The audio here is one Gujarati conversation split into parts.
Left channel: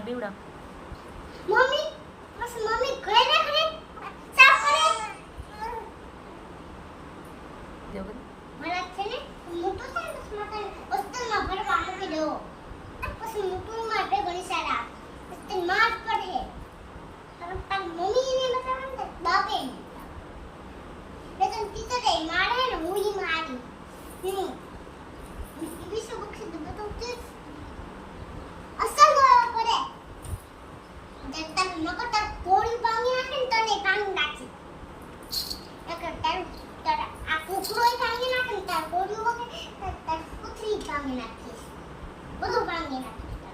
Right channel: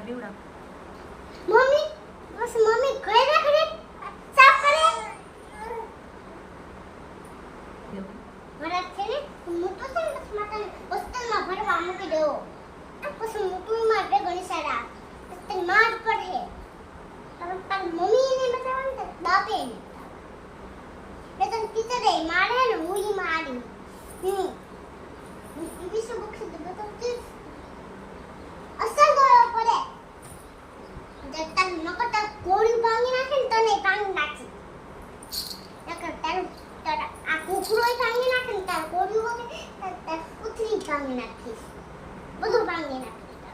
તાર બીવડા મમ્મી બસ મમ્મી ઘરે ના ઘરે સાફ કરે મારા છે ને મોટો છે ને બસ માતા હોસ્ટેલમાં ભણવા મૂકી દો પછી મોટું માટે ઘણી સારા હોસ્ટેલ માં જ પડે પણ તાર મમ્મી ને બતાવવાનું તો બાપે ને મેં તને ટીચર એ મારે ને મુઈ મારી વિશ્વ બક્ષી તો બતાવતી અસલ પડે જતા નકર કોળી ભાંગી નાખે ને તને ભાંગી નાખી નકર તારું આ કુકરોય ભાંગી નાખે ને તાર કોળી વગે તાર કુતરી ભાંગી નાખીશ બધું ભાંગી નાખીશ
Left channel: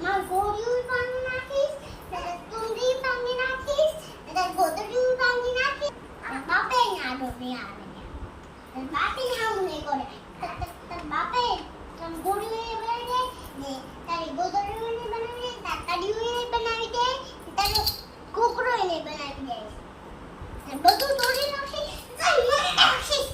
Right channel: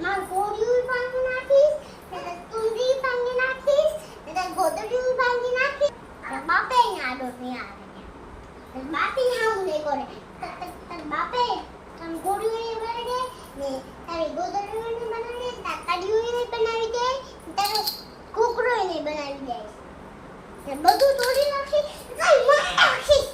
માર કોળી ભાંગી નાખીશ તાર તુંડી ભાંગી નાખીશ તાર ગોદડી ભાંગી નાખીશ આ બાપે ને આડો નહીં આવે તાર બાપી હામ નહીં કરે તાર બાપે તાર ગોળી બનાવી દે ને તારી ગોદડી બનાવી દે તાર કડીઓ બનાવી દે તારો કુકરો બનાવી દે બધું તોડી નાખી કઈ નાખી